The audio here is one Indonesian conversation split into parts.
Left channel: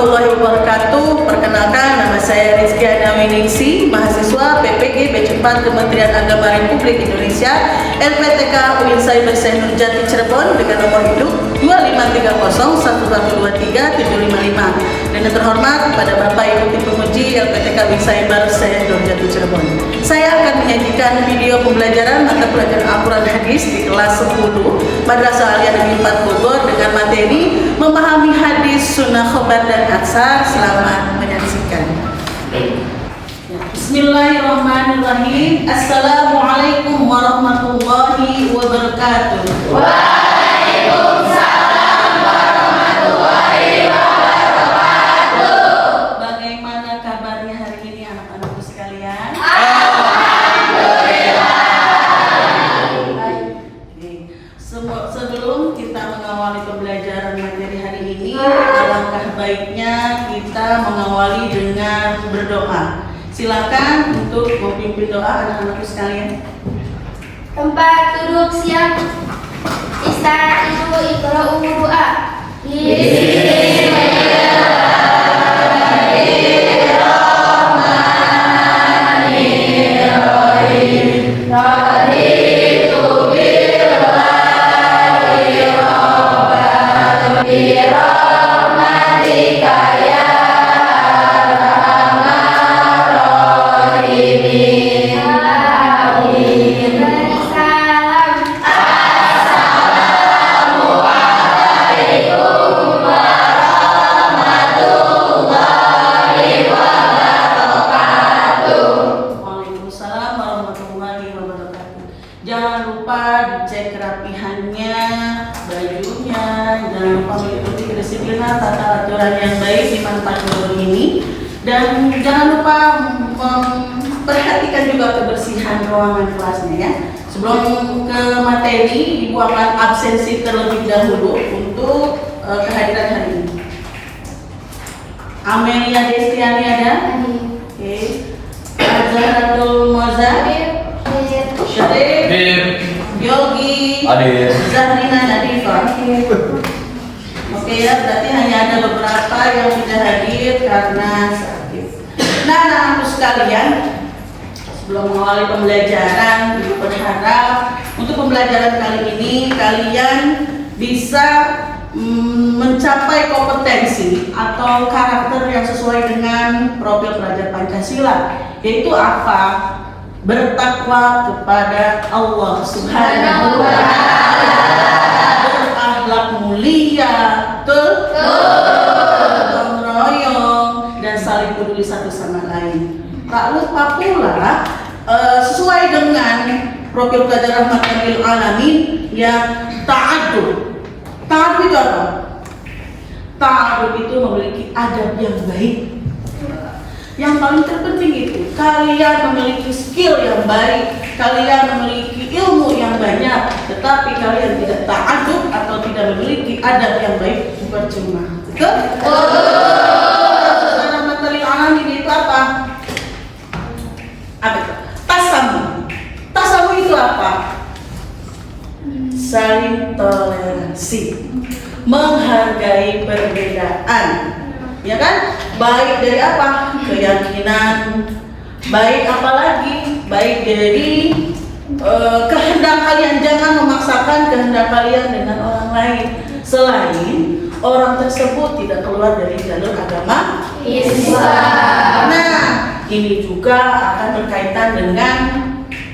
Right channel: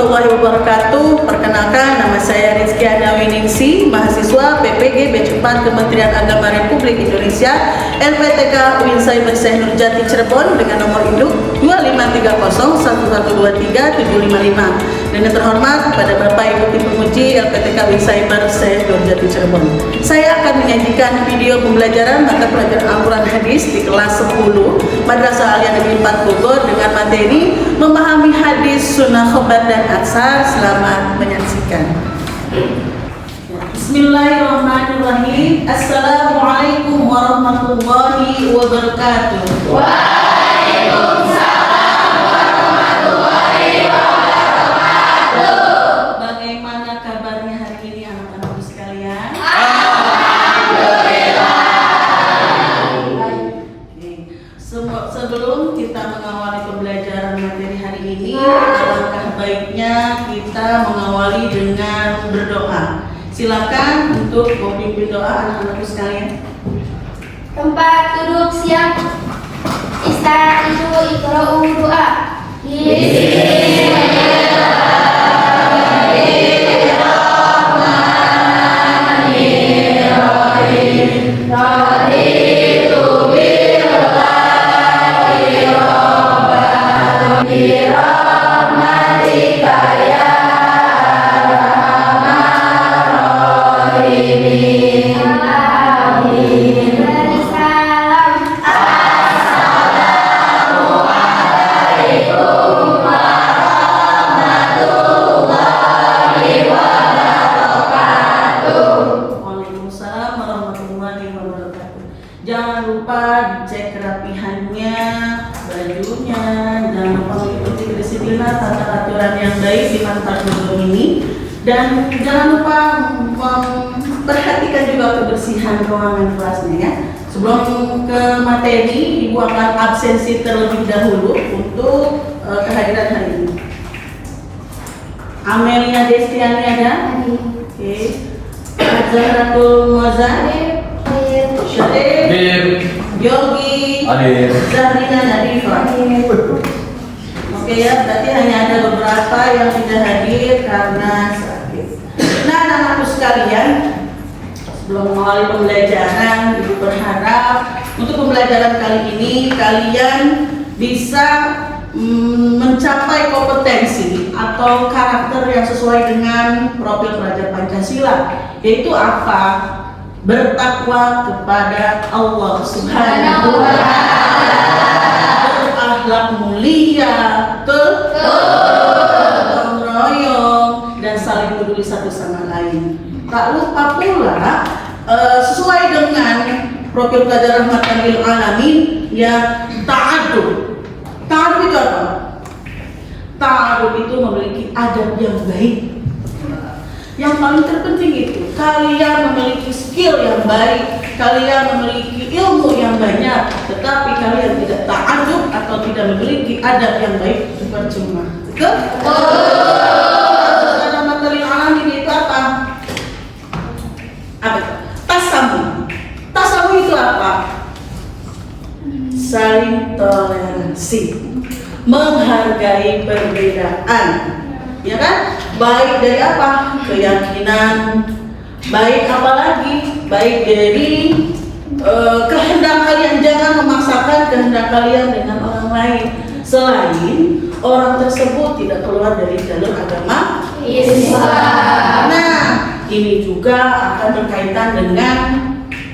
warahmatullahi wabarakatuh. Perkenalkan, nama saya Rizkiana Winingsi, mahasiswa PPG B4 Kementerian Agama Republik Indonesia, LPTK UIN Cyber Nurjati Cirebon dengan nomor induk 2530112375. Dan yang terhormat kepada Bapak Ibu Tim Penguji LPTK UIN Cyber Nurjati Cirebon. Saya akan menyajikan video pembelajaran mata pelajaran Al-Quran Hadis di kelas 10 Madrasah Aliyah Negeri 4 Bogor dengan materi memahami hadis, sunnah, khobar, dan atsar. Selamat menyaksikan. Bismillahirrahmanirrahim. Assalamualaikum warahmatullahi wabarakatuh. Waalaikumsalam warahmatullahi wabarakatuh. Bagaimana kabarnya hari ini anak-anakku sekalian? Alhamdulillah. Sebelum kita mengawali pembelajaran materi hari ini, alangkah baiknya kita mengawali dengan berdoa. Silakan untuk memimpin doa anak-anakku sekalian. Tempat duduk siap. Istaizu iqra'u doa. Bismillahirrahmanirrahim. Raditu billahi rabban birahmatika ya arhamar rahimin. Amin. Salam. Assalamualaikum warahmatullahi wabarakatuh. Waalaikumsalam warahmatullahi wabarakatuh. Jangan lupa dicek kerapihannya, bajunya, jangan lupa mengikuti kedisiplinan tata aturan yang baik di tempat duduk ini, dan jangan lupa memperhatikan juga kebersihan ruangan kelasnya ya. Sebelum ke materi, Ibu akan absensi terlebih dahulu untuk kehadiran hari ini. Amelia Destiani ada? Oke. Zahratul Moza, Syarif, Yogi, Zahrina Nadifah. Oke ya, berarti hanya ada beberapa yang tidak hadir karena sakit. Nah, anak-anakku sekalian, sebelum mengawali pembelajaran, Ibu berharap untuk pembelajaran kali ini kalian bisa mencapai kompetensi atau karakter yang sesuai dengan profil pelajar Pancasila, yaitu apa? Bertakwa kepada Allah Subhanahu wa Ta'ala, berakhlak mulia, gotong royong, dan saling peduli satu sama lain. Tak lupa pula sesuai dengan profil pelajar rahmatan lil alamin ya, ta'adub. Ta'adub itu apa? Ta'adub itu memiliki adab yang baik. Yang paling terpenting itu kalian memiliki skill yang baik, kalian memiliki ilmu yang banyak, tetapi kalian tidak ta'adub atau tidak memiliki adab yang baik, percuma. Betul? Rahmatan lil alamin itu apa? Apa itu? Tasamu. Tasamu itu apa? Saling toleransi, menghargai perbedaan, ya kan? Baik dari apa? Keyakinan. Baik apa lagi? Baik dari kehendak kalian. Jangan memaksakan kehendak kalian dengan orang lain selain orang tersebut tidak keluar dari jalur agama Islam. Nah, ini juga akan berkaitan dengan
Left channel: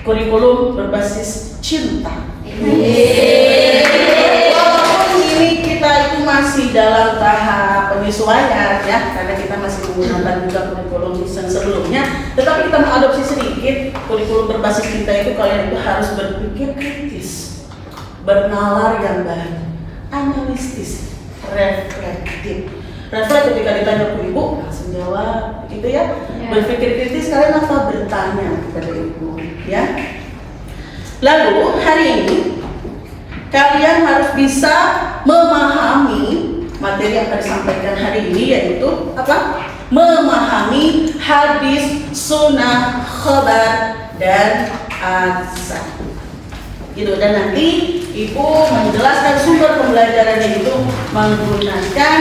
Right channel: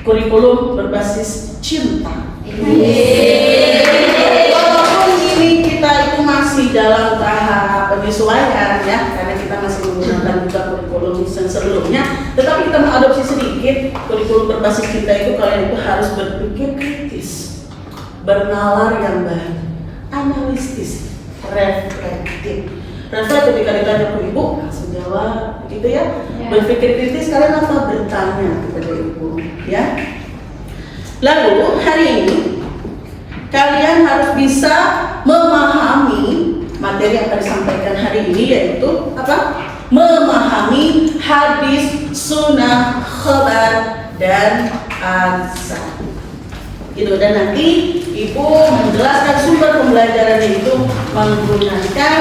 kurikulum berbasis cinta. Walaupun ini kita itu masih dalam tahap penyesuaian ya, karena kita masih menggunakan juga kurikulum yang sebelumnya, tetapi kita mengadopsi sedikit kurikulum berbasis cinta itu. Kalian itu harus berpikir kritis, bernalar yang baik, analitis, reflektif. Reflektif ketika ditanya ke ibu langsung jawab, begitu ya. Berpikir kritis, kalian apa bertanya kepada ibu ya. Lalu hari ini kalian harus bisa memahami materi yang akan disampaikan hari ini, yaitu apa? Memahami hadis, sunnah, khobar, dan atsar. Gitu. Dan nanti ibu menjelaskan sumber pembelajarannya itu menggunakan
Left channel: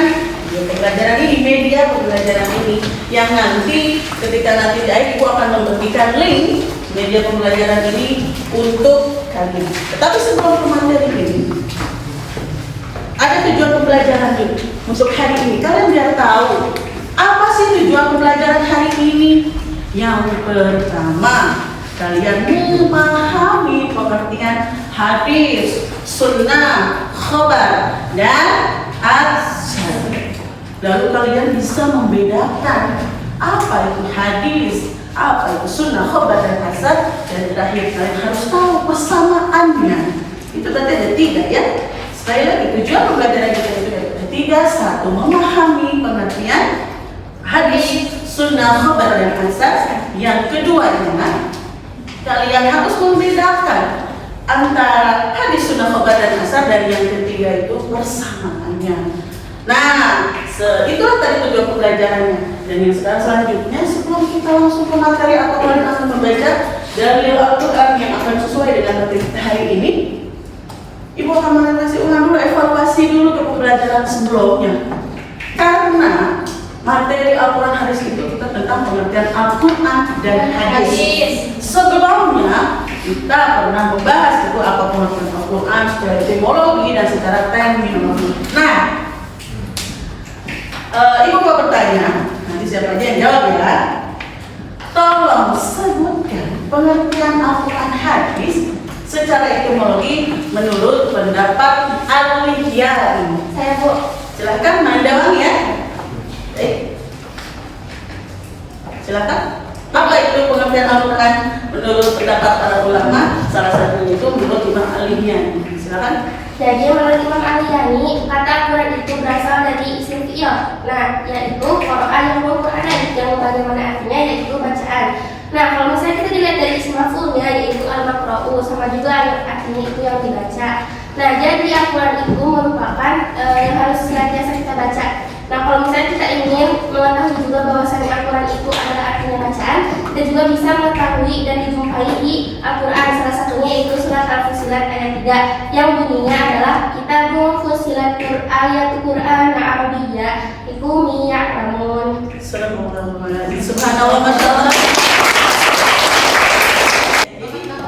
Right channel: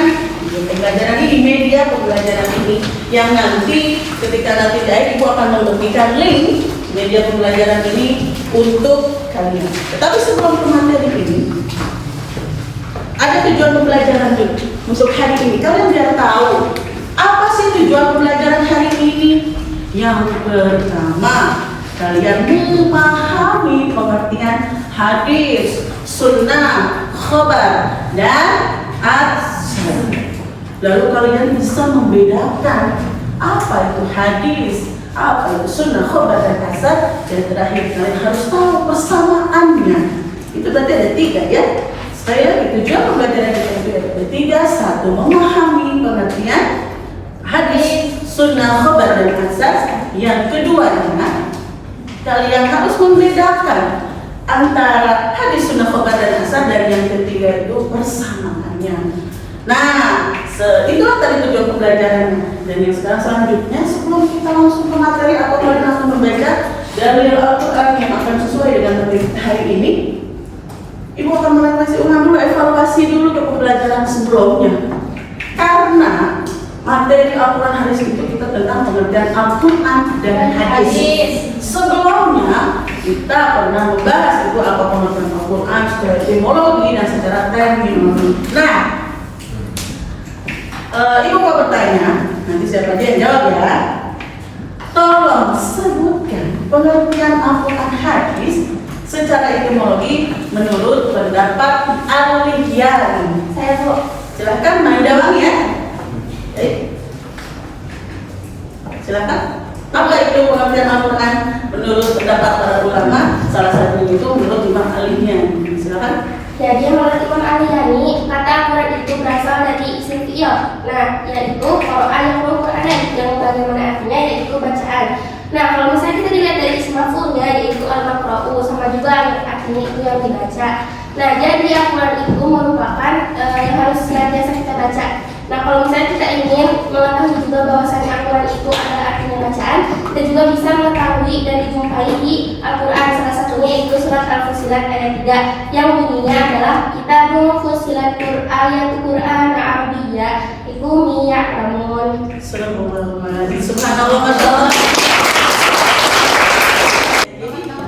Pembelajaran ini, media pembelajaran ini yang nanti ketika nanti Ibu akan membagikan link media pembelajaran ini untuk kalian. Tetapi sebelum ke materi ini, ada tujuan pembelajaran dulu untuk hari ini. Kalian biar tahu apa sih tujuan pembelajaran hari ini. Yang pertama, kalian memahami pengertian hadis, sunnah, khabar, dan asar. Lalu kalian bisa membedakan apa itu hadis, apa itu sunnah, khabar, dan asar. Dan terakhir kalian harus tahu persamaannya. Itu berarti ada 3 ya. Saya tujuan pembelajaran kita itu ada 3. 1. Memahami pengertian hadis, sunnah, khabar, dan asar. Yang keduanya, kalian harus membedakan antara hadis, sunnah, khabar, dan asar. Dan yang ketiga itu persamaannya. Nah, itulah tadi tujuan pembelajarannya. Dan yang selanjutnya, sebelum kita langsung ke materi, apa kalian akan membaca dalil Al-Quran yang akan sesuai dengan materi hari ini? Ibu akan menanyakan ulang dulu, evaluasi dulu ke pembelajaran sebelumnya. Karena materi Al-Quran hadis itu kita tentang pengertian Al-Quran dan hadis. Sebelumnya kita pernah membahas itu apa pengertian Al-Quran secara etimologi dan secara terminologi. Nah, Ibu mau bertanya, nanti siapa aja yang jawab ya. Tolong sebutkan pengertian Al-Quran hadis secara etimologi menurut pendapat Al-Lihyan. Saya Bu. Silahkan Maindawang ya. Silakan. Apa itu pengertian Al-Quran menurut pendapat para ulama? Salah satunya itu menurut Imam Al-Lihyan. Silakan. Jadi menurut Imam Al-Lihyan, kata Al-Quran itu berasal dari isim fi'il. Nah, yaitu Qur'an yang bagaimana artinya yaitu bacaan. Nah, kalau misalnya kita dilihat dari isim maf'ulnya yaitu al-maqra'u, sama juga artinya itu yang dibaca. Nah, jadi Al-Quran itu merupakan yang harus senantiasa kita baca. Nah, kalau misalnya kita ingin mengetahui juga bahwasannya Al-Quran itu adalah artinya bacaan, kita juga bisa mengetahui dan dijumpai di Al-Quran. Salah satunya itu surat Al-Fussilat ayat 3 yang bunyinya adalah Kitabun Fussilat ayat Quran Arabiyyah iku miya'lamun. Subhanallah, masya Allah.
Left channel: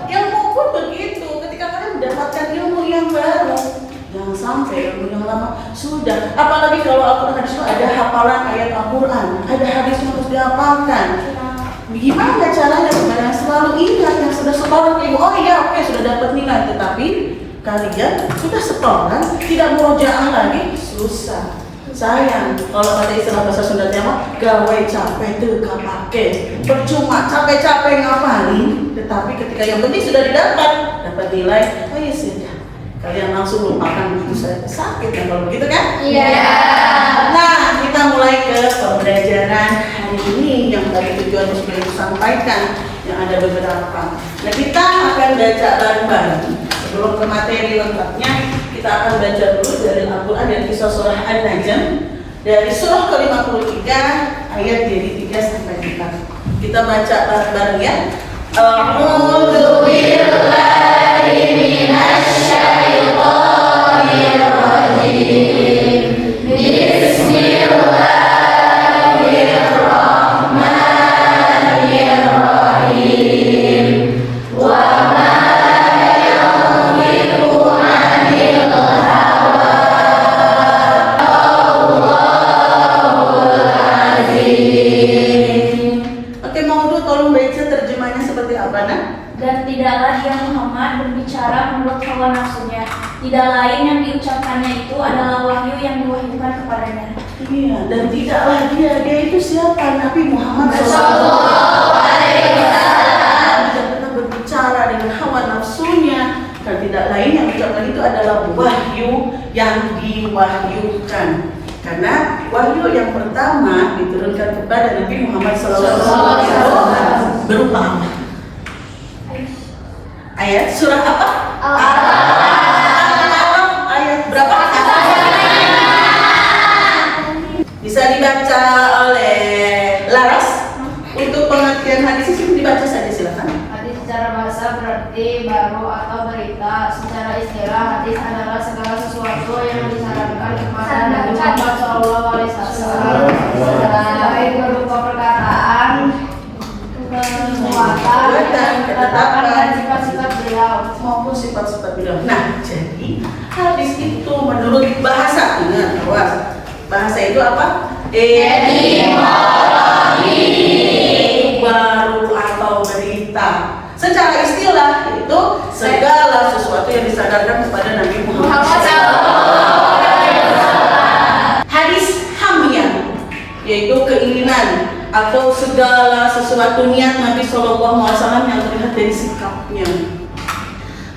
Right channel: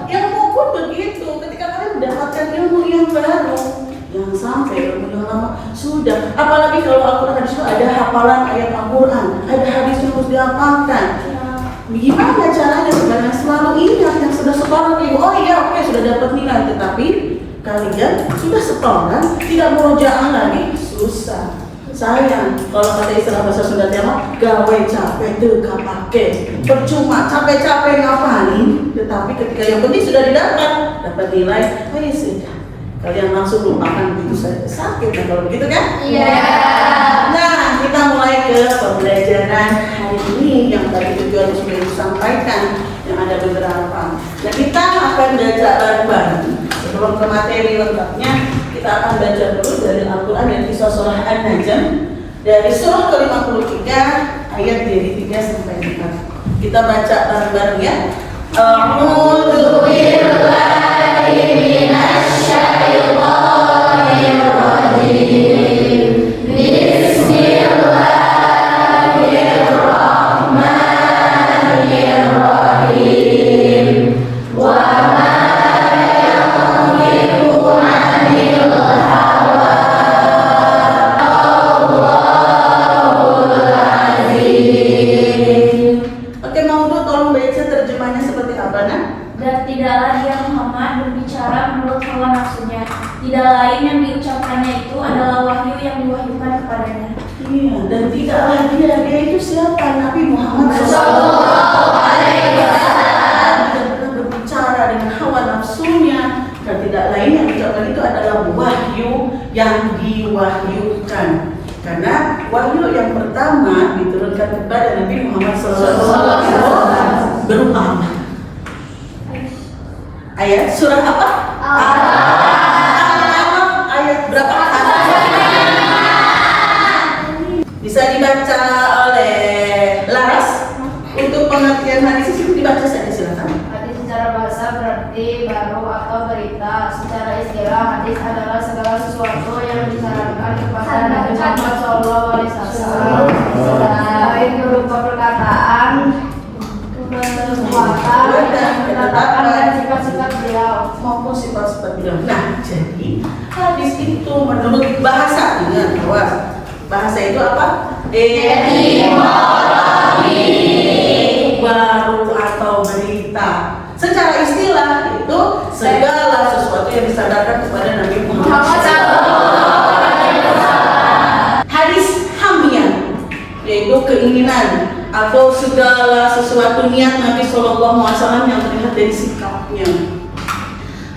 Ilmu pun begitu. Ketika kalian mendapatkan ilmu yang baru, jangan sampai ilmu yang lama sudah. Apalagi kalau Al-Quran hadis itu ada hafalan ayat Al-Quran, ada hadis yang harus dihafalkan. Gimana caranya supaya selalu ingat yang sudah setoran ibu? Oh iya, oke, sudah dapat nilai, tetapi kalian sudah setoran, tidak murojaah lagi, susah. Sayang, kalau kata istilah bahasa Sunda mah gawe capek teu kapake. Percuma capek-capek ngapalin, tetapi ketika yang penting sudah dapat nilai, oh ya sudah. Kalian langsung lupakan begitu saya sakit, nah kalau begitu kan? Iya. Nah, kita mulai ke pembelajaran hari ini yang tadi tujuannya sudah disampaikan, yang ada beberapa. Nah, kita akan baca bareng-bareng. Sebelum ke materi lengkapnya, kita akan baca dulu dari Al-Quran dan kisah surah An-Najm dari surah ke-53 ayat dari 3 sampai 4. Kita baca bareng-bareng ya. A'udzu billahi minasy syaithanir rajim. Bismillahirrahmanirrahim. Wa ma yanṭiqu 'anil hawa. Allahul azim. Oke, Maudud tolong baca terjemahnya seperti apa, Nak? Dan tidaklah dia Muhammad berbicara menurut hawa nafsunya. Tidak lain yang diucapkannya itu adalah wahyu yang diwahyukan kepadanya. Iya, dan tidaklah dia itu siapa? Nabi Muhammad Sallallahu Alaihi Wasallam. Tidak pernah berbicara dengan hawa nafsunya. Dan tidak lain yang diucapkan itu adalah wahyu yang diwahyukan. Karena wahyu yang pertama diturunkan kepada Nabi Muhammad SAW berupa apa? Ayat surah apa? Al-Alaq ayat berapa? Bisa dibaca oleh Laras. Untuk pengertian hadis itu dibaca saja, silakan. Hadis Secara bahasa berarti baru atau berita. Secara istilah hadis adalah segala sesuatu yang disarankan kepada Nabi Muhammad SAW, baik berupa perkataan, kekuatan, ketetapan dan sifat-sifat beliau. maupun sifat-sifat beliau. Nah, jadi hadis itu menurut bahasa, ingat awas, bahasa itu apa? Baru atau berita. Secara istilah itu segala sesuatu yang disadarkan kepada Nabi Muhammad SAW. Hadis hamiyah yaitu keinginan atau segala sesuatu niat Nabi SAW yang terlihat dari sikapnya.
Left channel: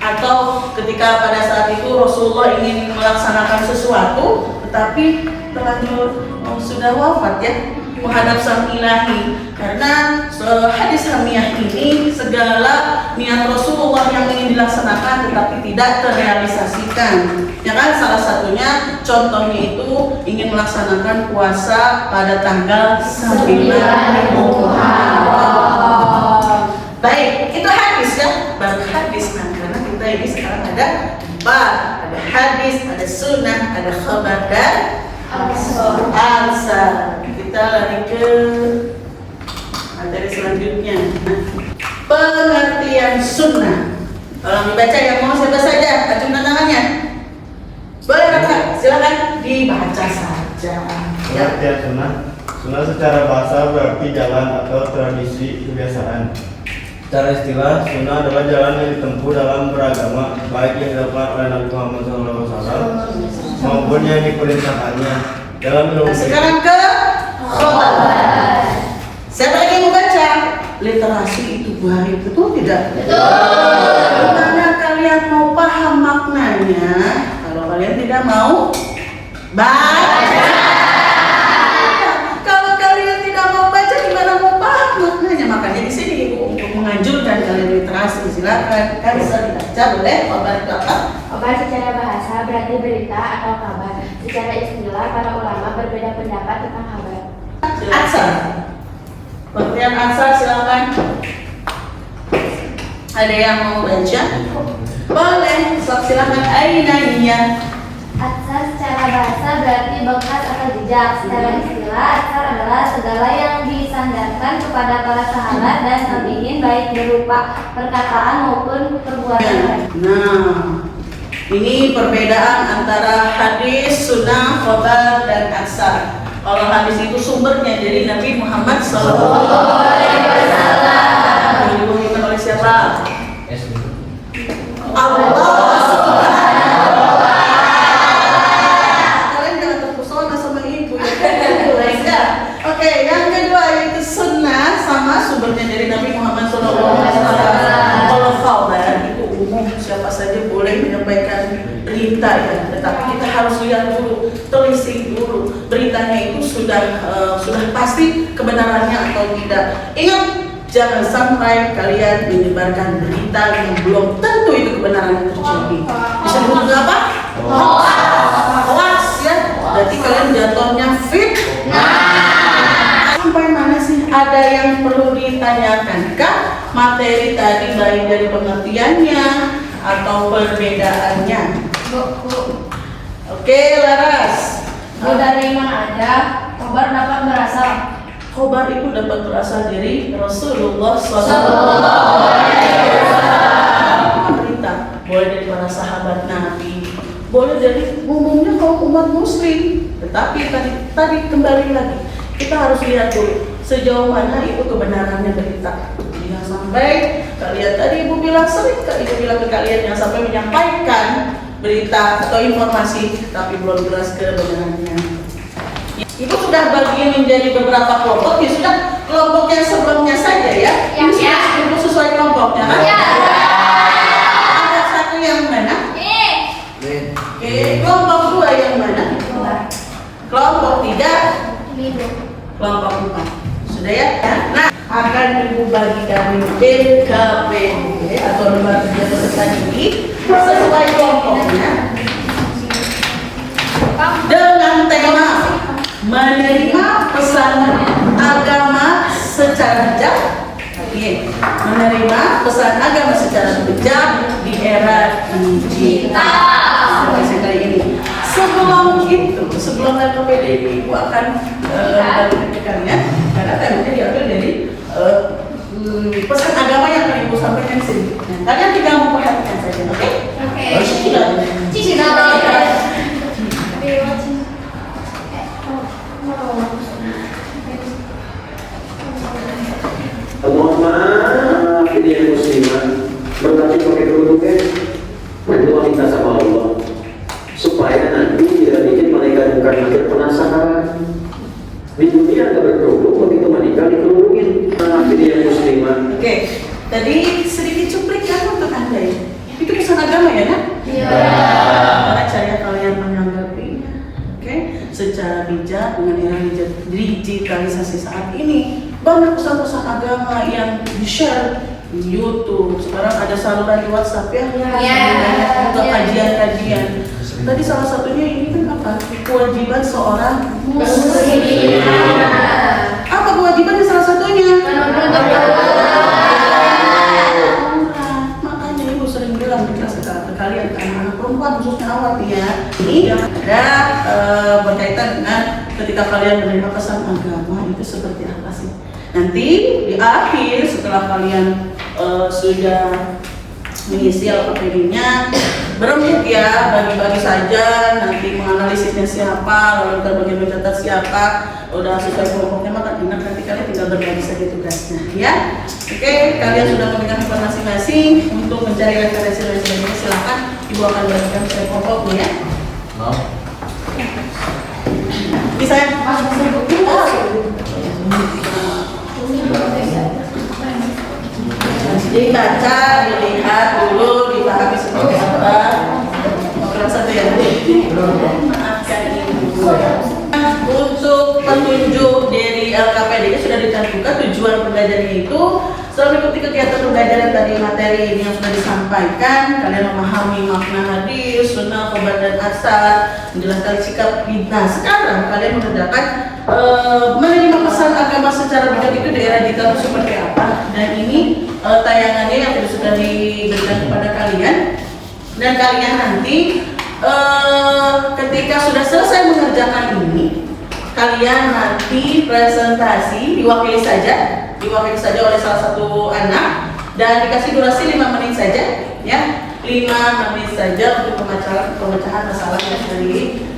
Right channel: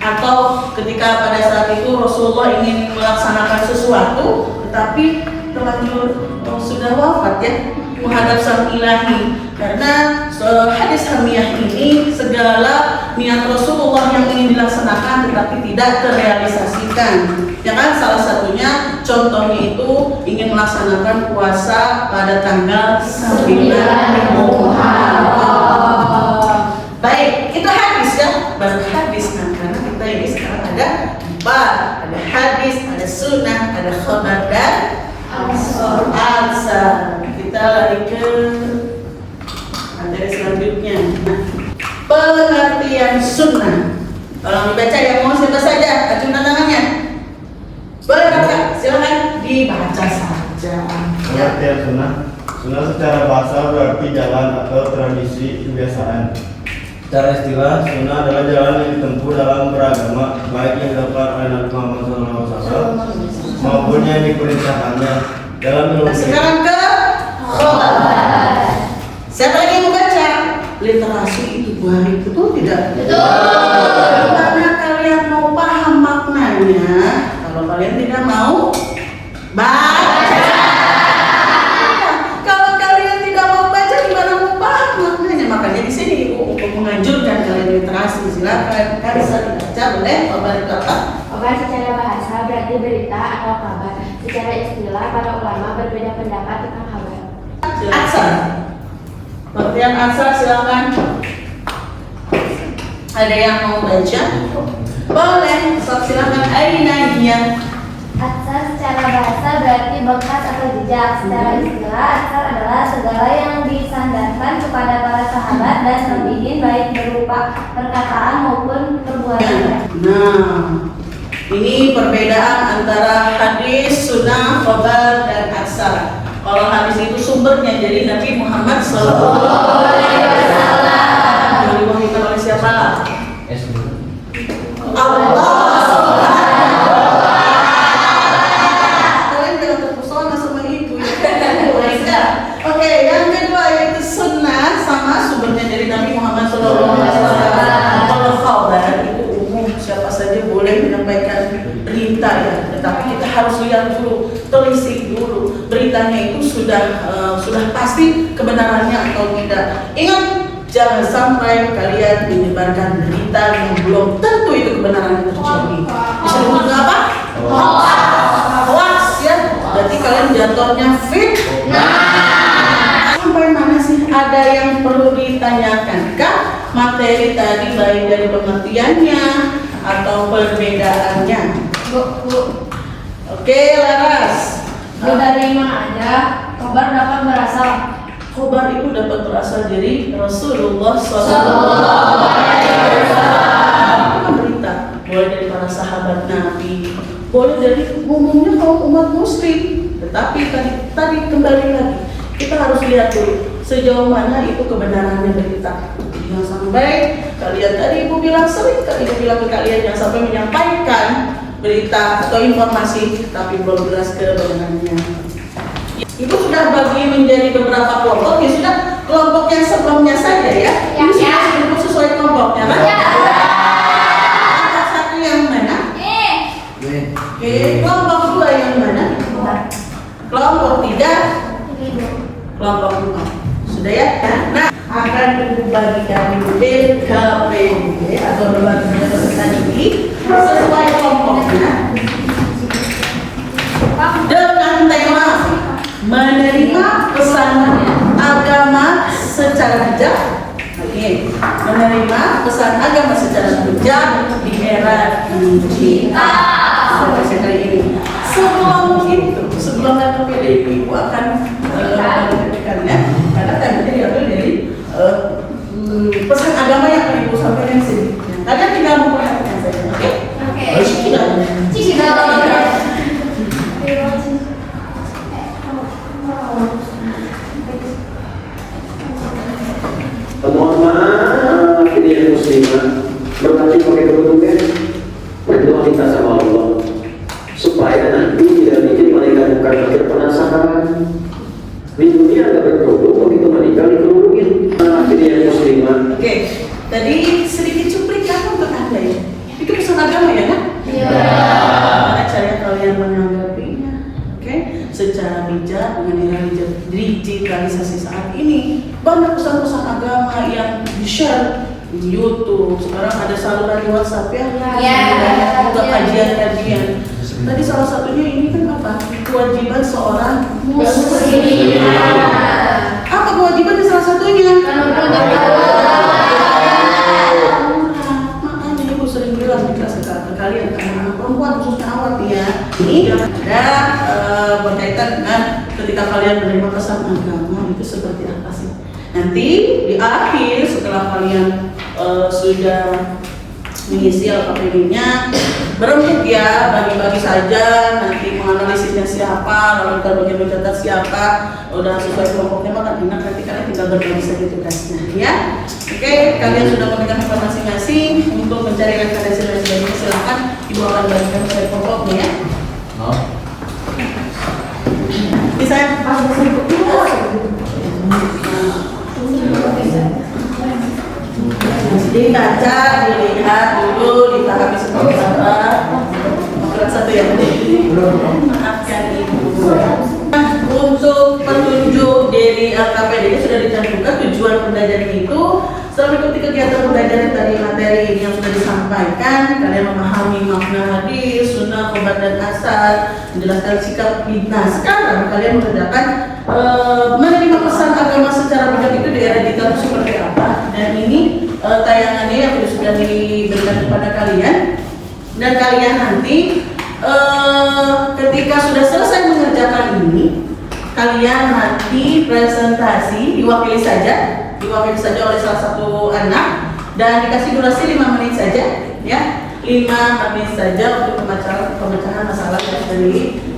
Atau ketika pada saat itu Rasulullah ingin melaksanakan sesuatu tetapi terlanjur sudah wafat ya, menghadap sang ilahi. Karena hadis hamiyah ini segala niat Rasulullah yang ingin dilaksanakan tetapi tidak terrealisasikan. Ya kan, salah satunya contohnya itu ingin melaksanakan puasa pada tanggal 9 Muharram. Baik, itu hadis ya, baru hadis. Nah, karena kita ini sekarang ada ada hadis, ada sunnah, ada khabar dan ansar. Kita lari ke materi selanjutnya. Pengertian sunnah. Tolong dibaca, yang mau siapa saja, acungkan tangannya. Boleh Bapak, silakan dibaca saja. Pengertian sunnah. Sunnah secara bahasa berarti jalan atau tradisi kebiasaan. Secara istilah, sunnah adalah jalan yang ditempuh dalam beragama, baik yang dilakukan oleh Nabi Muhammad SAW maupun yang diperintahkannya dalam ilmu. Sekarang ke khabar. Siapa lagi yang membaca? Literasi itu buahnya, betul tidak? Betul. Karena kalian mau paham maknanya, kalau kalian tidak mau baca. Kalau kalian tidak mau baca, gimana mau paham maknanya? Makanya di sini Ibu untuk menganjurkan kalian literasi. Silakan, bisa dibaca, boleh? Khabar itu apa? Khabar secara bahasa berarti berita atau kabar. Secara istilah para ulama berbeda pendapat tentang kabar. Ansar. Pengertian ansar silakan. Ada yang mau baca? Boleh. Silakan. Ainanya. Asar secara bahasa berarti bekas atau jejak. Secara istilah, asar adalah segala yang disandarkan kepada para sahabat dan tabi'in baik berupa perkataan maupun perbuatan. Nah, ini perbedaan antara hadis, sunnah, khabar, dan asar. Kalau hadis itu sumbernya dari Nabi Muhammad SAW. Diwahyukan oleh siapa? Allah. Kalian jangan terpesona sama ibu ya. Oke, yang kedua yaitu sunnah, sama sumbernya dari Nabi Muhammad SAW. Kalau khabar itu umum, siapa saja boleh menyampaikan berita ya, tetapi kita harus lihat dulu, telisik dulu beritanya itu sudah pasti kebenarannya atau tidak. Ingat, jangan sampai kalian menyebarkan berita yang belum tentu itu kebenarannya terjadi. Disebut apa? Hoax ya. Berarti kalian jatuhnya fitnah. Sampai mana sih ada yang perlu ditanyakan? Kak, materi tadi baik dari pengertiannya atau perbedaannya? Bu, Oke, Laras. dari mana aja kabar dapat berasal? Khobar itu dapat berasal dari Rasulullah SAW. Bukan berita, boleh dari para sahabat Nabi, boleh dari umumnya kaum umat Muslim. Tetapi tadi kembali lagi, kita harus lihat dulu sejauh mana itu kebenarannya berita. Jangan sampai kalian tadi Ibu bilang, sering kali Ibu bilang ke kalian yang sampai menyampaikan berita atau informasi tapi belum jelas kebenarannya. Ibu sudah bagi menjadi beberapa kelompok, ya sudah kelompok yang sebelumnya saja ya. Ini sudah Ibu sesuai kelompoknya kan? Ada satu yang mana? Oke, kelompok dua yang mana? Kelompok tiga, kelompok empat. Sudah ya? Nah, akan Ibu bagikan LKPD atau lembaga peserta didik sesuai kelompoknya dengan tema menerima pesan agama secara bijak. menerima pesan agama secara bijak di era digital seperti ini. Sebelum LKPD ini Ibu akan menyampaikannya karena temanya diambil dari pesan agama yang akan Ibu sampaikan sini. Kalian tinggal memperhatikan saja, oke? Mohon maaf, ini yang muslimah berbaca pakai kerudungnya, berdoa minta sama Allah supaya nanti tidak bikin malaikat bukan makin penasaran. Di dunia ada berkerudung, begitu menikah dikerudungin. Maaf, ini yang muslimah. Oke, tadi sedikit cuplikan untuk Anda ya. Itu pesan agama ya kan? Iya. Bagaimana cara kalian menanggapinya? Oke, secara bijak dengan era digitalisasi saat ini, banyak pesan-pesan agama yang di-share di YouTube. Sekarang ada saluran di WhatsApp ya. Banyak juga kajian-kajian. Tadi salah satunya ini kan apa? Kewajiban seorang muslim. Apa kewajiban di salah satunya? Makanya Ibu sering bilang di kelas ke kalian, anak perempuan khususnya awat ya. Ini ada berkaitan dengan ketika kalian menerima pesan agama itu seperti apa sih? Nanti di akhir setelah kalian sudah mengisi LKPD-nya, berembuk ya, bagi-bagi saja, nanti menganalisisnya siapa, lalu kita bagian mencatat siapa, udah sesuai kelompoknya maka enak, nanti kalian tinggal berbagi saja tugasnya ya. Oke, kalian sudah memegang tempat masing-masing untuk mencari referensi dan sebagainya, silahkan Ibu akan bagikan ke kelompoknya ya. Bisa dibaca, dilihat dulu, dipahami seperti apa. Satu ya, maafkan Ibu. Untuk petunjuk dari LKPD ini sudah dicantumkan tujuan pembelajaran itu. Setelah mengikuti kegiatan pembelajaran dari materi ini yang sudah disampaikan, kalian memahami makna hadis, sunnah, khobar dan asar, menjelaskan sikap bid'ah. Sekarang kalian mengerjakan menerima pesan agama secara bijak itu di era digital seperti apa. Dan ini tayangannya yang sudah diberikan kepada kalian, dan kalian nanti ketika sudah selesai mengerjakan ini, kalian nanti presentasi diwakili saja oleh salah satu anak dan dikasih durasi 5 menit saja ya, 5 menit saja untuk pemecahan masalah yang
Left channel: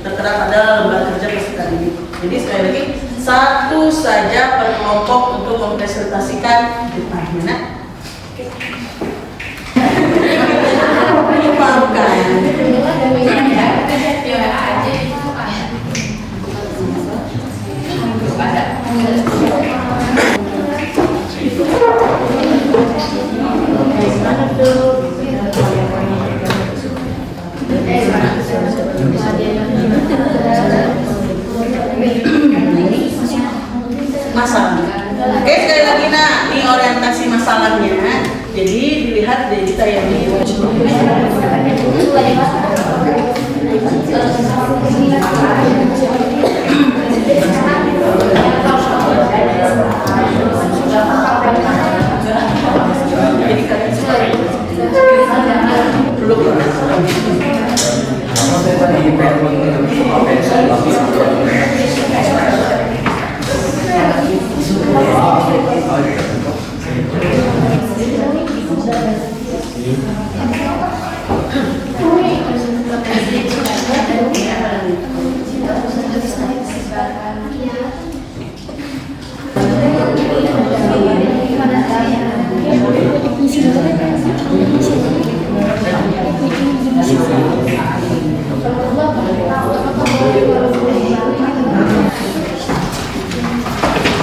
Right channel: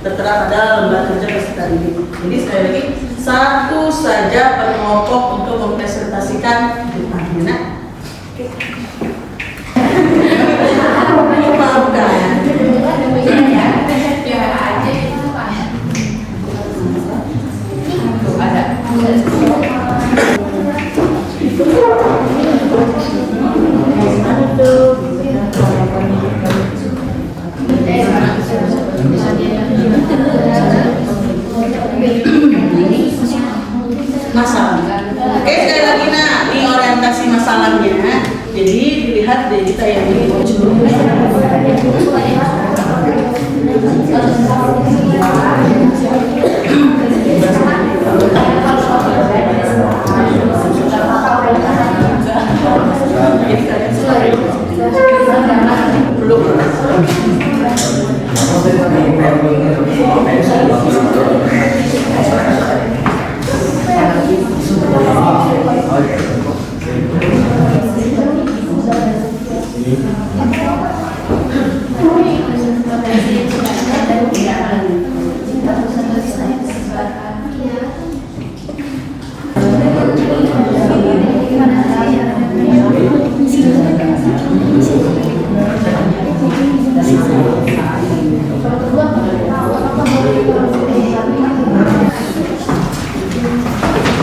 tertera pada lembar kerja peserta ini. Jadi sekali lagi satu saja per kelompok untuk mempresentasikan depannya. Nah, masalah. Oke, sekali lagi nah, ini orientasi masalahnya. Jadi dilihat dari tayangan ini. Jadi kalian belum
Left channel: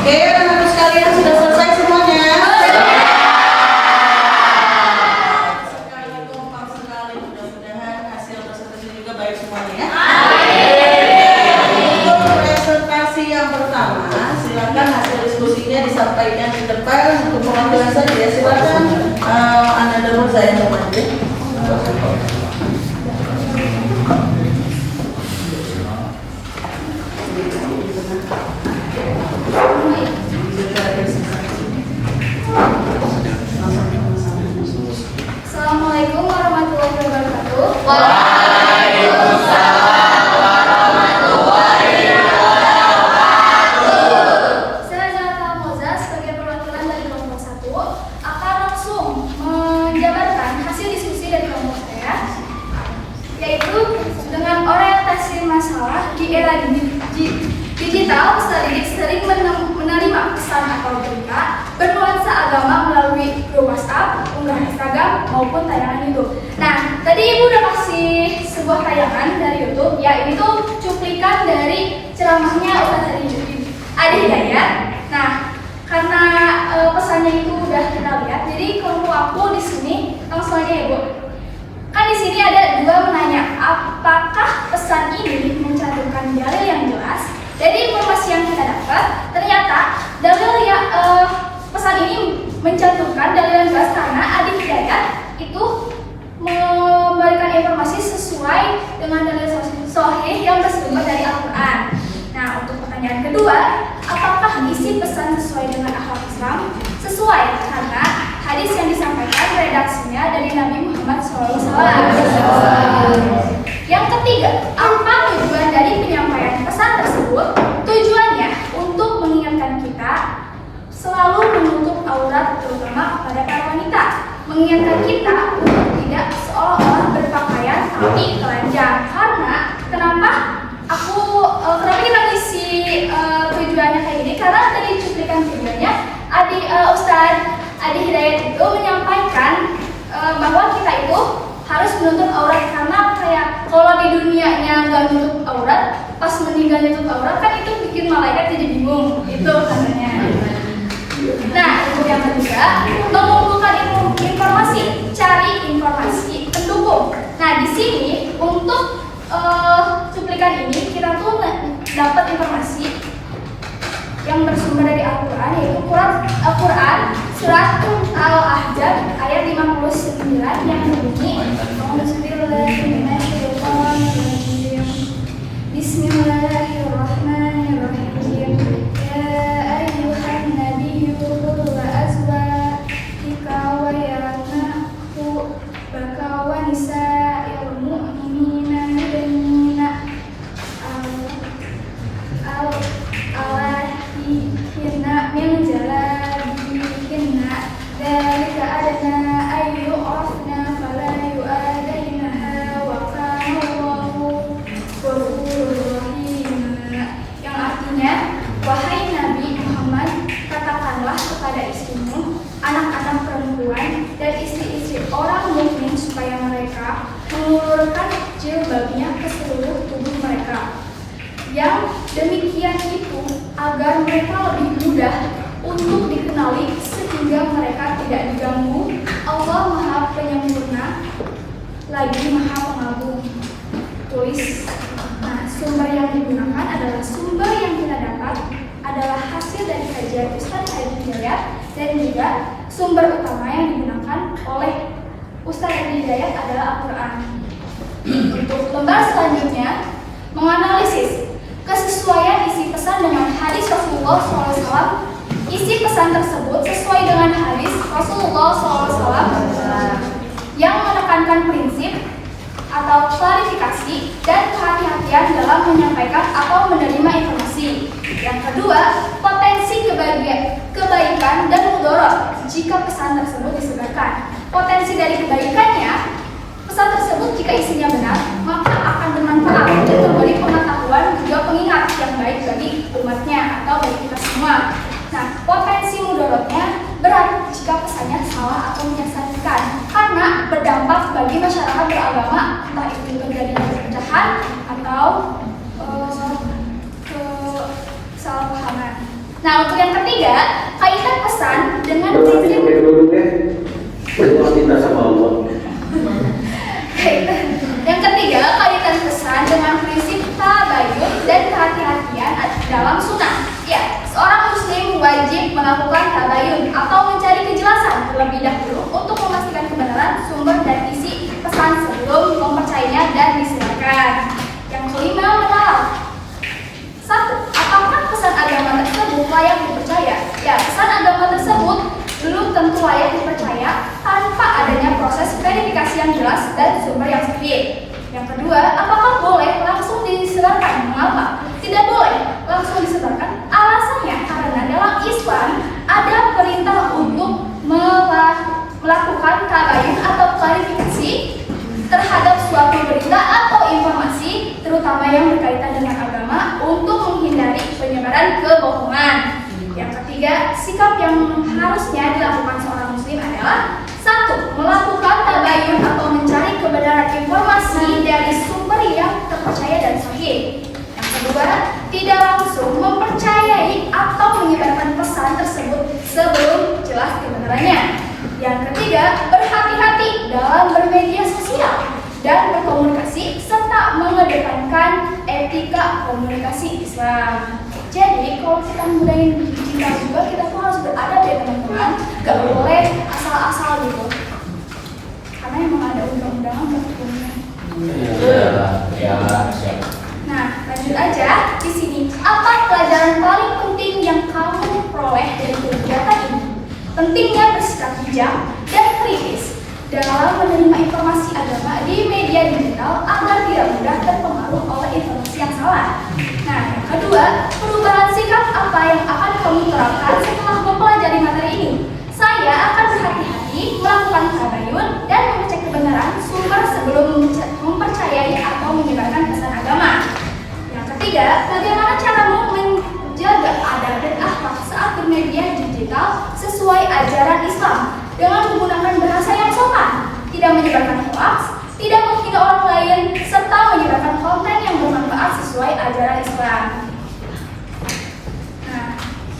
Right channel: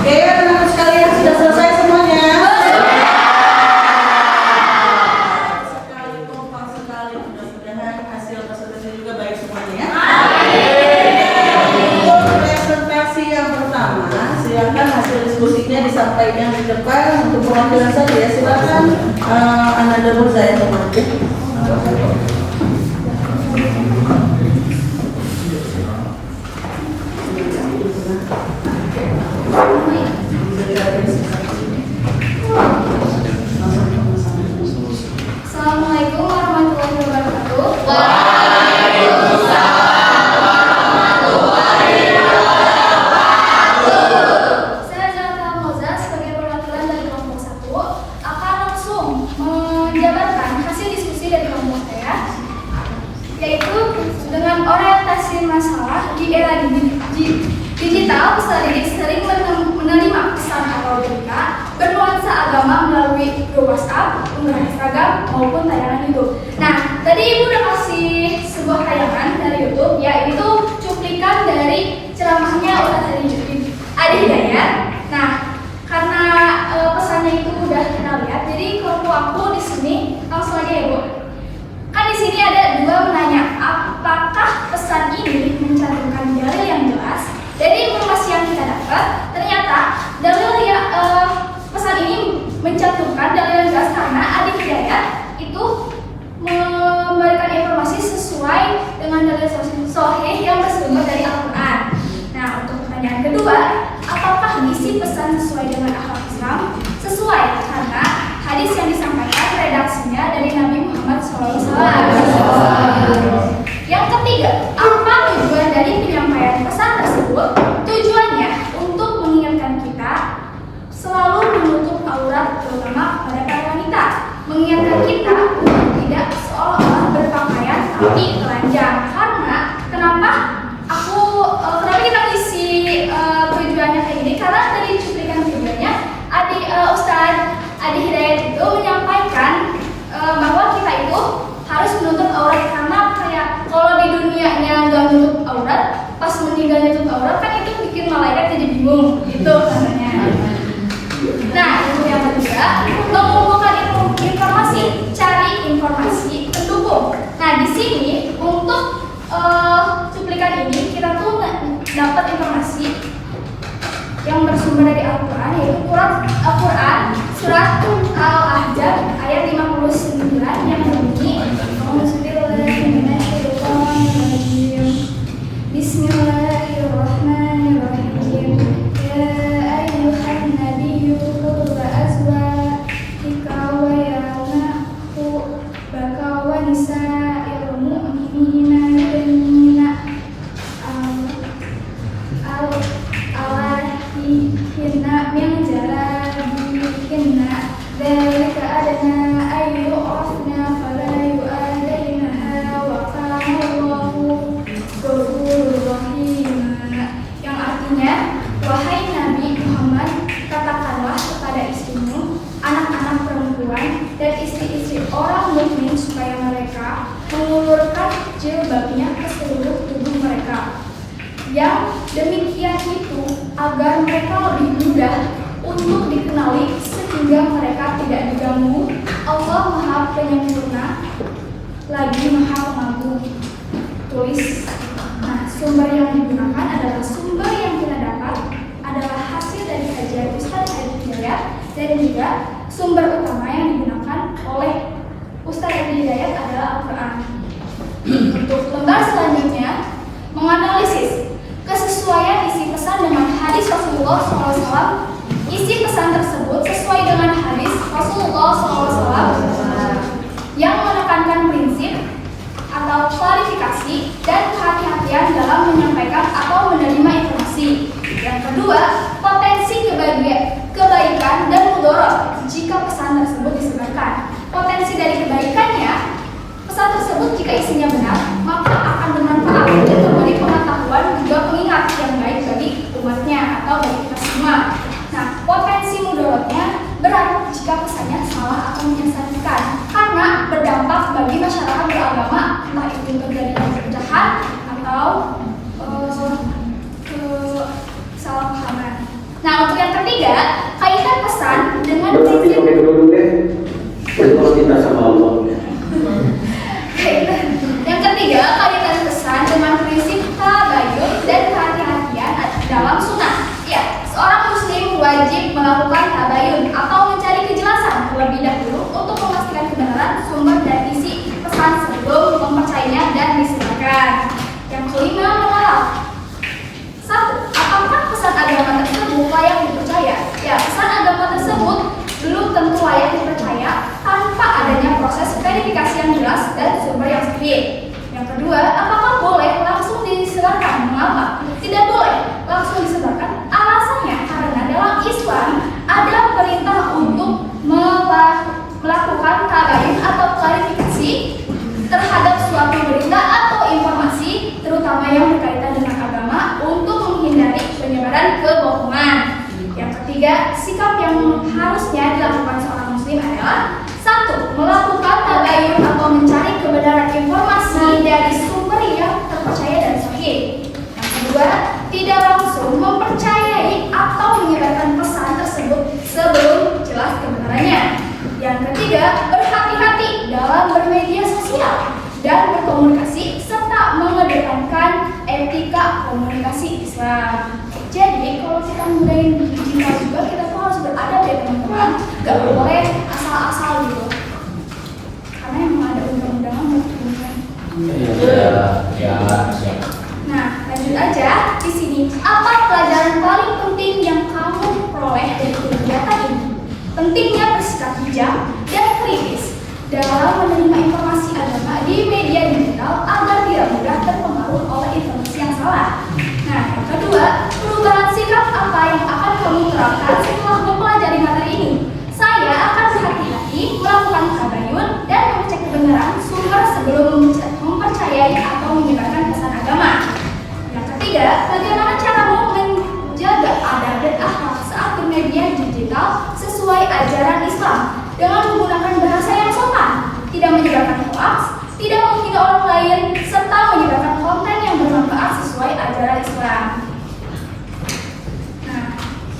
Oke, anak-anak sekalian sudah selesai semuanya. Sekali kompak sekali, mudah-mudahan hasil presentasi juga baik semuanya ya. Untuk presentasi yang pertama, silakan hasil diskusinya disampaikan di depan untuk perwakilan saja ya. Silakan Ananda Murza yang berada. Assalamualaikum warahmatullahi wabarakatuh. Saya Zalfa Moza sebagai perwakilan dari kelompok 1 akan langsung menjabarkan hasil diskusi dari kelompok saya, yaitu dengan orientasi masalah di era digital, peserta didik sering menerima pesan atau berita bernuansa agama melalui grup WhatsApp, unggahan Instagram maupun tayangan YouTube. Nah, tadi Ibu udah kasih sebuah tayangan dari YouTube, ya ini tuh cuplikan dari ceramahnya Ustaz Adi Hidayat. Nah, karena pesannya itu udah kita lihat, jadi kelompok aku di sini langsung aja ya Bu. Kan di sini ada dua menanya, apakah pesan ini mencantumkan dalil yang jelas? Dari informasi yang kita dapat, ternyata dalil yang pesan ini mencantumkan dalil yang jelas karena Adi Hidayat itu memberikan informasi sesuai dengan dalil sahih yang bersumber dari Al-Quran. Nah, untuk pertanyaan kedua, apakah isi pesan sesuai dengan akhlak Islam? Sesuai, karena hadis yang disampaikan redaksinya dari Nabi Muhammad SAW. Yang ketiga, apa tujuan dari penyampaian pesan tersebut? Tujuannya untuk mengingatkan kita selalu menutup aurat, terutama pada para wanita. Mengingatkan kita untuk tidak seolah-olah berpakaian tapi telanjang. Karena kenapa kita ngisi tujuannya kayak gini? Karena tadi cuplikan videonya Ustadz Adi Hidayat itu menyampaikan bahwa kita itu harus menutup aurat, karena kayak kalau di dunianya nggak nutup aurat, pas meninggal nutup aurat kan itu bikin malaikat jadi bingung, itu katanya. Nah, itu yang ketiga, mengumpulkan informasi, cari informasi pendukung. Nah, di sini untuk cuplikan ini kita tuh dapat informasi yang bersumber dari Al-Quran, yaitu Al-Quran surat Al-Ahzab ayat 59 yang berbunyi Bismillahirrahmanirrahim. Ya ayyuhan nabiyyu qul wa azwajika wa baka wa nisa'il mu'minina yudnina awahihina min jalabihinna dzalika adna ayyu rafna fala yu'adainaha wa kana Allahu ghafurur rahim. Yang artinya, wahai Nabi Muhammad, katakanlah kepada istrimu, anak-anak perempuan dan istri-istri orang mukmin supaya mereka mengulurkan jilbabnya ke seluruh tubuh mereka. Yang demikian itu agar mereka lebih mudah untuk dikenali sehingga mereka tidak diganggu. Allah Maha Penyempurna lagi Maha Pengagung. Tulis. Nah, sumber yang digunakan adalah sumber yang kita dapat adalah hasil dari kajian Ustaz Adi Hidayat, dan juga sumber utama yang digunakan oleh Ustaz Adi Hidayat adalah Al-Quran. Untuk lembar selanjutnya, menganalisis kesesuaian isi pesan dengan hadis Rasulullah SAW. Isi pesan tersebut sesuai dengan hadis Rasulullah SAW yang menekankan prinsip atau klarifikasi dan kehati-hatian dalam menyampaikan atau menerima informasi. Yang kedua, potensi kebaikan dan mudarat jika pesan tersebut disebarkan. Potensi dari kebaikannya, pesan tersebut jika isinya benar, maka akan bermanfaat dan memberi pengetahuan juga pengingat yang baik bagi umatnya atau bagi kita semua. Nah, potensi mudaratnya berat jika pesannya salah atau menyesatkan, karena berdampak bagi masyarakat beragama, entah itu terjadi perpecahan atau kesalahpahaman. Nah, untuk yang ketiga, kaitan pesan dengan prinsip pakai kerudungnya, berdoa cinta sama Allah. Yang ketiga, kaitan pesan dengan prinsip tabayun dan kehati-hatian dalam sunnah. Ya, seorang muslim wajib melakukan tabayun atau mencari kejelasan terlebih dahulu untuk memastikan kebenaran sumber dan isi pesan sebelum mempercayainya dan disebarkan. Yang kelima, mengenal. 1. Apakah pesan agama tersebut layak dipercaya? Ya, pesan agama tersebut belum tentu layak dipercaya tanpa adanya proses verifikasi jelas dan sumber yang sahih. Yang kedua, apakah boleh langsung disebarkan? Mengapa? Tidak boleh langsung disebarkan. Alasannya karena dalam Islam ada perintah untuk melakukan tabayun atau klarifikasi terhadap suatu berita atau informasi, terutama yang berkaitan dengan agama, untuk menghindari penyebaran kebohongan. Yang ketiga, sikap yang harusnya dilakukan seorang muslim adalah: 1. Melakukan tabayun atau mencari kebenaran informasi dari sumber yang terpercaya dan sahih. Yang kedua, tidak langsung mempercayai atau menyebarkan pesan tersebut sebelum jelas kebenarannya. Yang ketiga, berhati-hati dalam bermedia sosial dan berkomunikasi serta mengedepankan etika komunikasi Islam. Jadi kalau kita menggunakan digital juga, kita tuh harus beradab ya teman-teman. Gak boleh asal-asal gitu. Karena emang ada undang-undangan berikutnya. Ya, siap. Nah, lanjut aja di sini. Apa pelajaran paling penting yang kamu peroleh dari kegiatan ini? Pentingnya bersikap bijak dan kritis dalam menerima informasi agama di media digital agar tidak mudah terpengaruh oleh informasi yang salah. Nah, yang kedua, perubahan sikap apa yang akan kamu terapkan setelah mempelajari materi ini? Saya akan berhati-hati melakukan tabayun dan mengecek kebenaran sumber sebelum mempercayai atau menyebarkan pesan agama. Yang ketiga, bagaimana caramu menjaga adab dan akhlak saat bermedia digital sesuai ajaran Islam dengan menggunakan bahasa yang sopan, tidak menyebarkan hoaks, tidak menghina orang lain, serta menyebarkan konten yang bermanfaat sesuai ajaran Islam. Nah,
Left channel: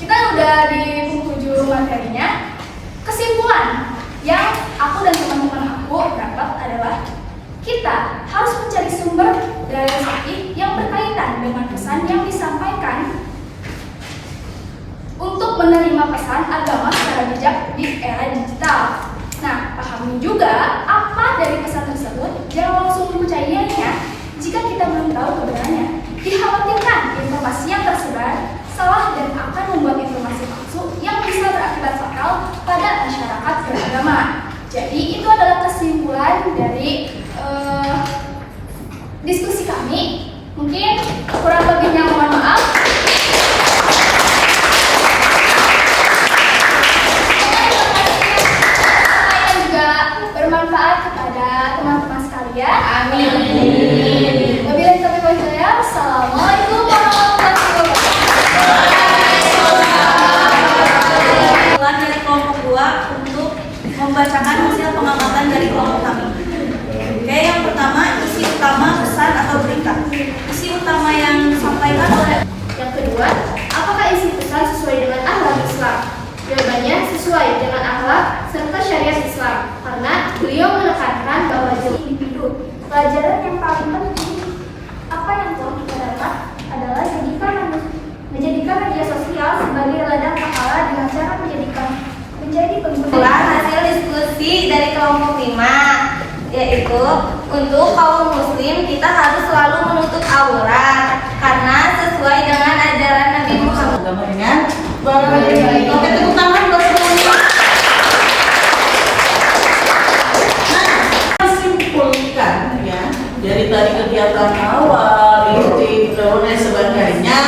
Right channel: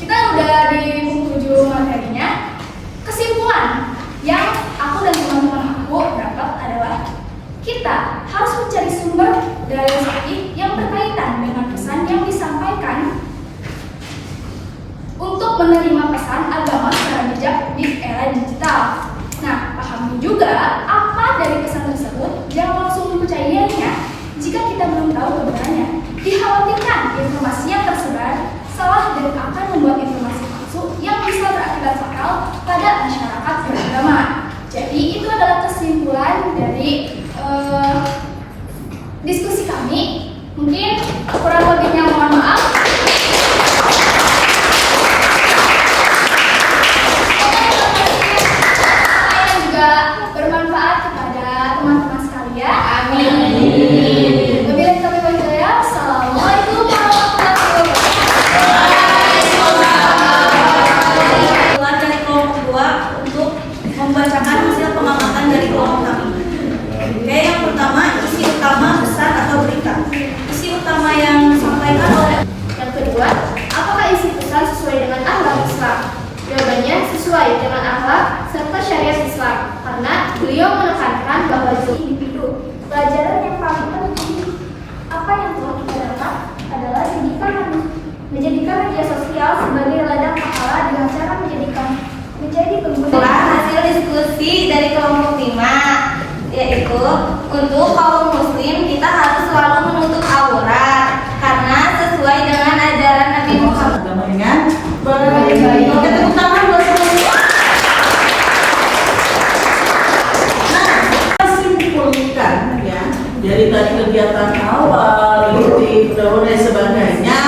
kita udah di penghujung materinya. Kesimpulan yang aku dan teman-teman aku dapat adalah kita harus mencari sumber dari sahih yang berkaitan dengan pesan yang disampaikan untuk menerima pesan agama secara bijak di era digital. Nah, pahami juga apa dari pesan tersebut, jangan langsung mempercayainya jika kita belum tahu kebenarannya. Dikhawatirkan informasi yang tersebar salah dan akan membuat informasi palsu yang bisa berakibat fatal pada masyarakat beragama. Jadi itu adalah kesimpulan dari diskusi kami. Mungkin kurang lebihnya mohon maaf. Saya juga bermanfaat kepada teman-teman sekalian. Amin. Wabillahi taufiq wal hidayah. Assalamualaikum warahmatullahi wabarakatuh. Keluar dari kelompok 2 untuk membacakan hasil pengamatan dari kelompok kami. Oke, yang pertama, isi utama pesan atau berita. Isi utama yang disampaikan oleh. Yang kedua, apakah isi pesan sesuai dengan akhlak Islam? Jawabannya sesuai dengan akhlak serta syariat Islam, karena beliau menekankan bahwa individu. Pelajaran yang paling penting apa yang telah kita dapat adalah menjadikan media sosial sebagai ladang pahala dengan cara menjadi pengguna. Hasil diskusi dari kelompok 5, yaitu untuk kaum muslim kita harus selalu menutup aurat karena sesuai dengan ajaran Nabi Muhammad. Agama dengan baik. Oke, tepuk tangan buat semuanya. Nah, kita simpulkan ya dari tadi kegiatan awal, inti, dan sebagainya.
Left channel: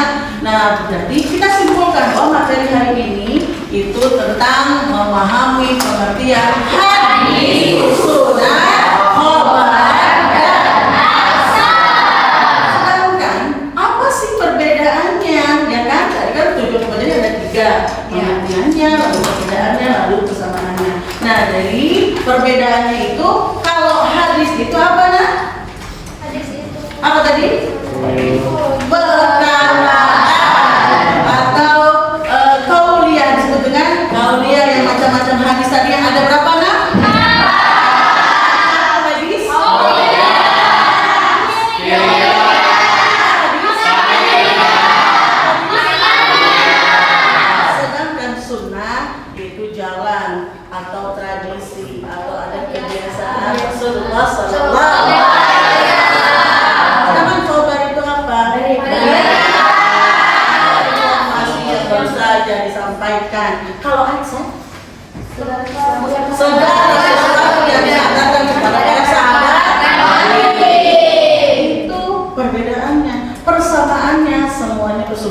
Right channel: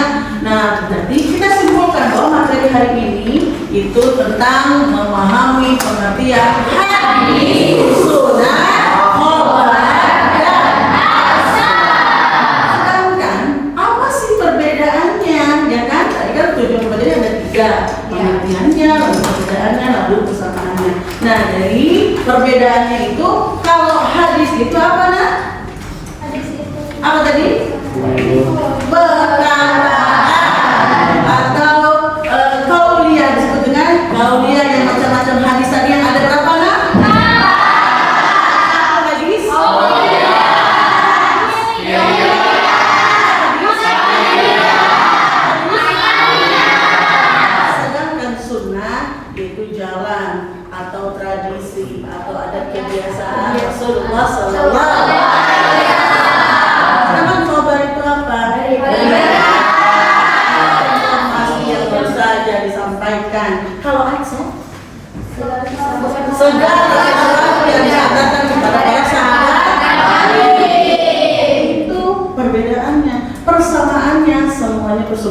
Nah, jadi kita simpulkan bahwa materi hari ini itu tentang memahami pengertian hadis, sunnah, khobar, dan asar. Sedangkan apa sih perbedaannya? Ya kan? Tadi kan tujuan pembelajaran ada 3, pengertiannya, lalu perbedaannya, lalu persamaannya. Nah, dari perbedaannya itu, kalau hadis itu apa nah? Hadis itu Apa tadi? Perkataan atau kauliyah, disebut dengan kauliyah yang macam-macam hadis tadi yang ada berapa nah? Hadis. Sedangkan sunnah itu jalan atau tradisi atau ada kebiasaan Rasulullah Sallallahu Alaihi Wasallam. Namun khobar itu apa? Informasi yang baru saja disampaikan. Kalau adsan, segala sesuatu yang disampaikan kepada para sahabat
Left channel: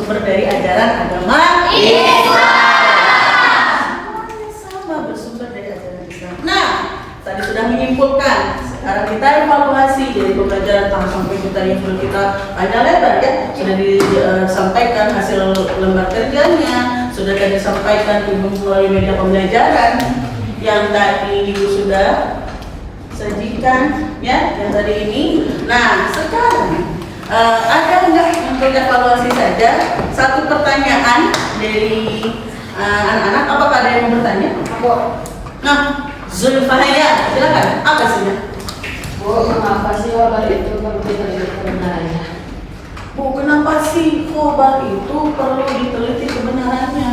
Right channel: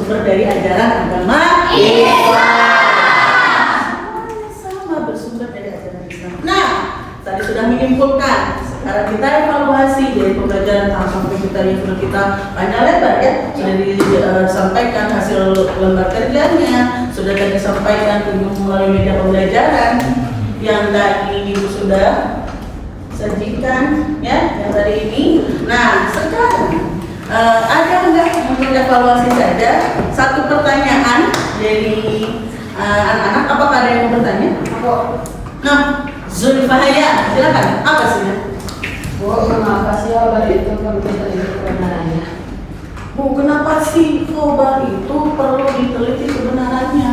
bersumber dari ajaran agama sama bersumber dari ajaran Islam. Nah, tadi sudah menyimpulkan. Sekarang kita evaluasi dari pembelajaran sampai kita yang sudah kita panjang lebar ya, sudah disampaikan hasil lembar kerjanya, sudah tadi disampaikan melalui media pembelajaran yang tadi Ibu sudah sajikan ya, yang tadi ini. Nah, sekarang ada enggak untuk evaluasi saja satu pertanyaan dari anak-anak? Apakah ada yang mau bertanya? Nah, Zulfahaya, silakan. Apa sih ya? Bu, kenapa sih kabar itu perlu diteliti kebenarannya? Bu, kenapa sih khobar itu perlu diteliti kebenarannya?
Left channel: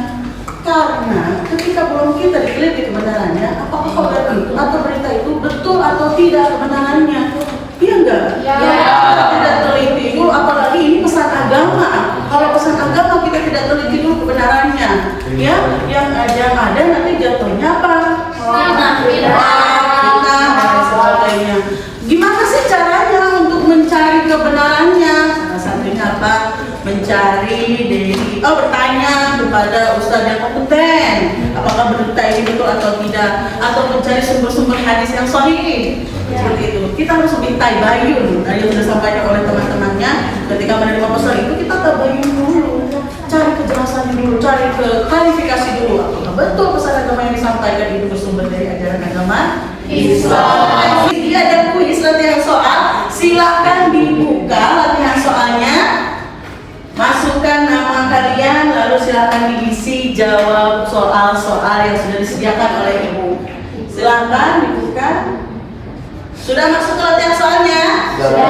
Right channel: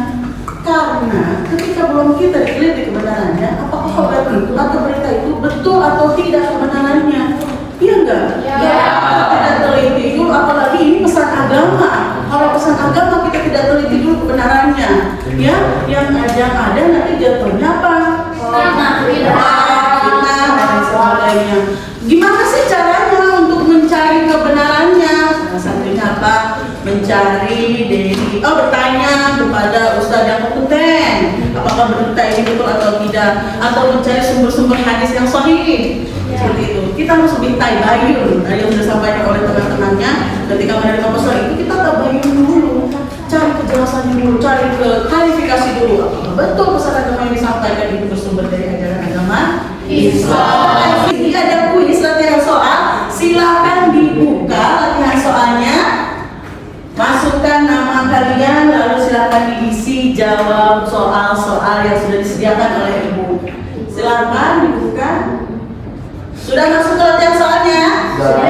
Karena ketika belum kita diteliti kebenarannya, apakah khobar itu atau berita itu betul atau tidak kebenarannya? Iya enggak? Iya. Kita tidak teliti dulu, apalagi ini pesan agama. Kalau pesan agama kita tidak teliti dulu kebenarannya, ya, yang ada nanti jatuhnya apa? Fitnah dan sebagainya. Gimana sih caranya untuk mencari kebenarannya? Nah, santrinya apa? Mencari dari, bertanya kepada ustadz yang kompeten, apakah berita ini betul atau tidak, atau mencari sumber-sumber hadis yang sahih. Seperti itu. Kita harus lebih tabayun. Yang sudah disampaikan oleh teman-temannya, ketika menerima pesan itu kita tabayun dulu, cari kejelasan dulu, cari klarifikasi dulu. Apakah betul pesan agama yang disampaikan itu bersumber dari ajaran agama Islam? Ini ada kuis latihan soal. Silakan dibuka latihan soalnya. Masukkan nama kalian, lalu silakan diisi jawab soal-soal yang sudah disediakan oleh Ibu. Silakan dibuka. Sudah masuk ke latihan soalnya? Sudah.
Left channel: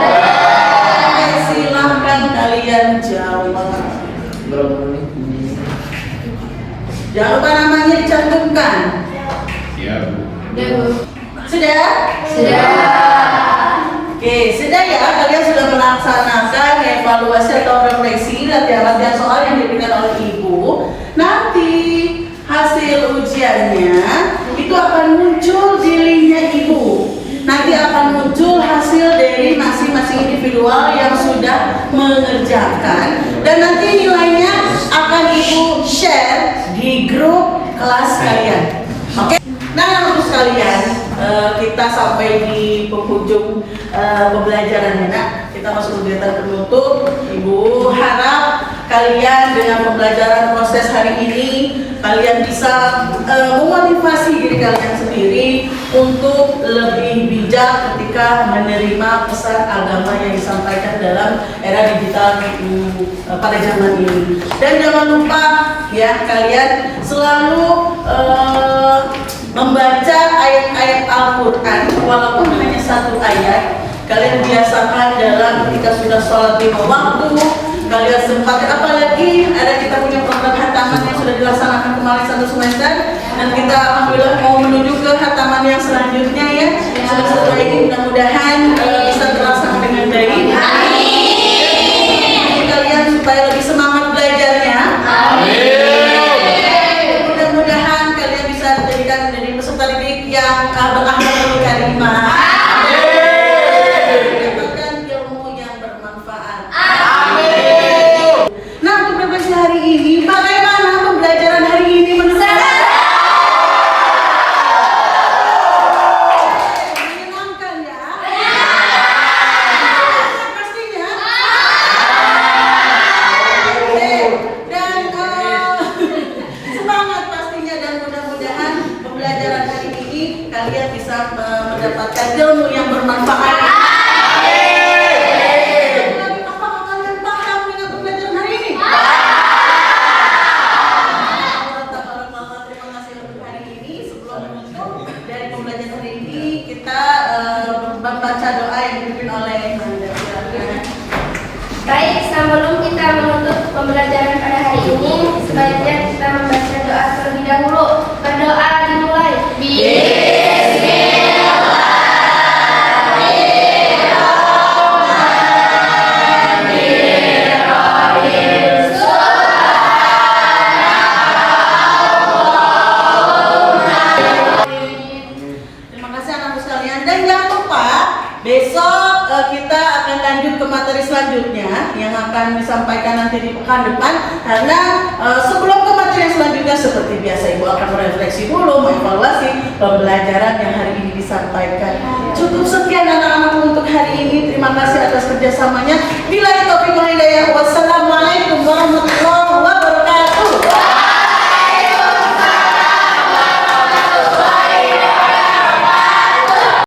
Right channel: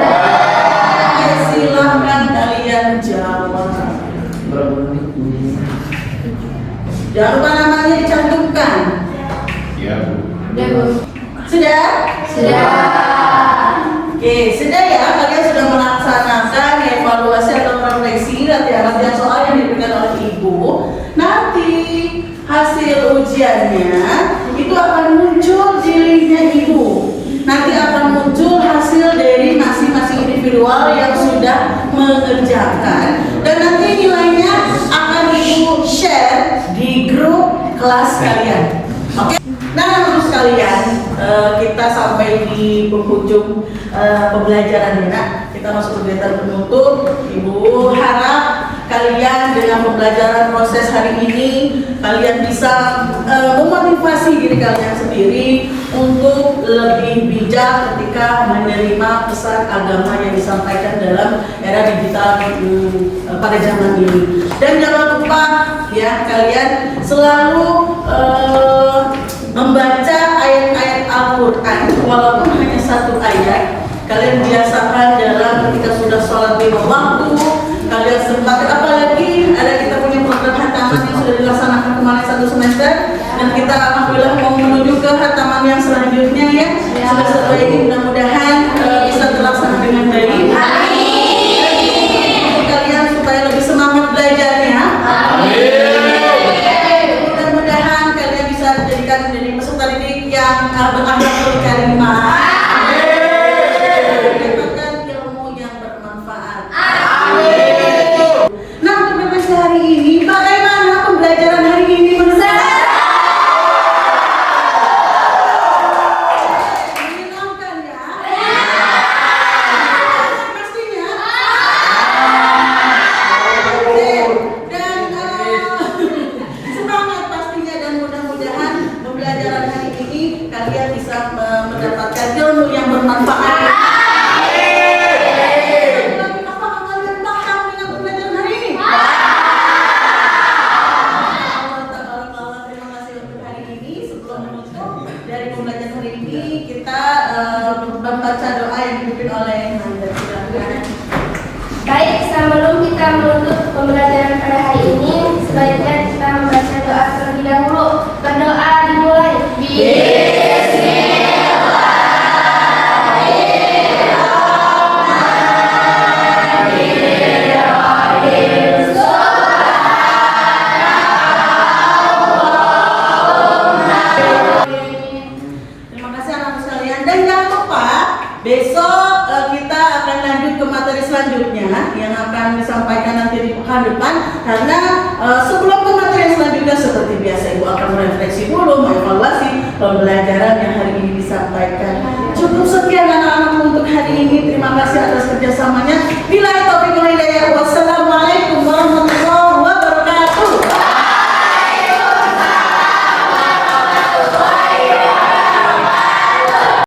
Oke, silakan kalian jawab. Jangan lupa namanya dicantumkan. Iya, Bu. Sudah? Sudah. Oke, sudah ya, kalian sudah melaksanakan evaluasi atau refleksi latihan-latihan soal yang diberikan oleh Ibu. Nanti hasil ujiannya itu akan muncul di linknya Ibu. Nanti akan muncul hasil dari masing-masing individual yang sudah mengerjakan, dan nanti nilainya akan Ibu share di grup kelas kalian. Oke? Nah, untuk sekalian, kita sampai di penghujung pembelajaran. Nah, kita masuk kegiatan penutup. Ibu harap kalian dengan pembelajaran proses hari ini, kalian bisa memotivasi diri kalian sendiri untuk lebih bijak ketika menerima pesan agama yang disampaikan dalam era digital pada zaman ini. Dan jangan lupa ya, kalian selalu membaca ayat-ayat Al-Quran, walaupun hanya satu ayat. Kalian biasakan dalam ketika sudah sholat 5 waktu, kalian sempat, apalagi ada kita punya program hataman yang sudah dilaksanakan kemarin 1 semester, dan kita alhamdulillah mau menuju ke hataman yang selanjutnya ya. Semester ini mudah-mudahan bisa terlaksana dengan baik. Amin. Kalian supaya lebih semangat belajarnya. Amin. Mudah-mudahan kalian bisa dijadikan dari peserta didik yang berakhlak karimah. Hari ini, bagaimana pembelajaran hari ini menurut kalian? Menyenangkan ya? Pastinya. Dan semangat pastinya, dan mudah-mudahan pembelajaran hari ini kalian bisa mendapatkan ilmu yang bermanfaat. Membaca doa yang dipimpin oleh Manda. Baik, sebelum kita menutup pembelajaran pada hari ini, sebaiknya kita membaca doa terlebih dahulu. Berdoa dimulai. Terima kasih anak-anak sekalian, dan jangan lupa Besok kita akan lanjut ke materi selanjutnya yang akan disampaikan nanti di pekan depan. Karena sebelum ke materi yang selanjutnya seperti biasa Ibu akan merefleksi dulu, mengevaluasi pembelajaran yang hari ini disampaikan. Cukup sekian anak-anak untuk hari ini. Terima kasih atas kerjasamanya. Billahi taufiq wal hidayah. Wassalamualaikum warahmatullahi wabarakatuh.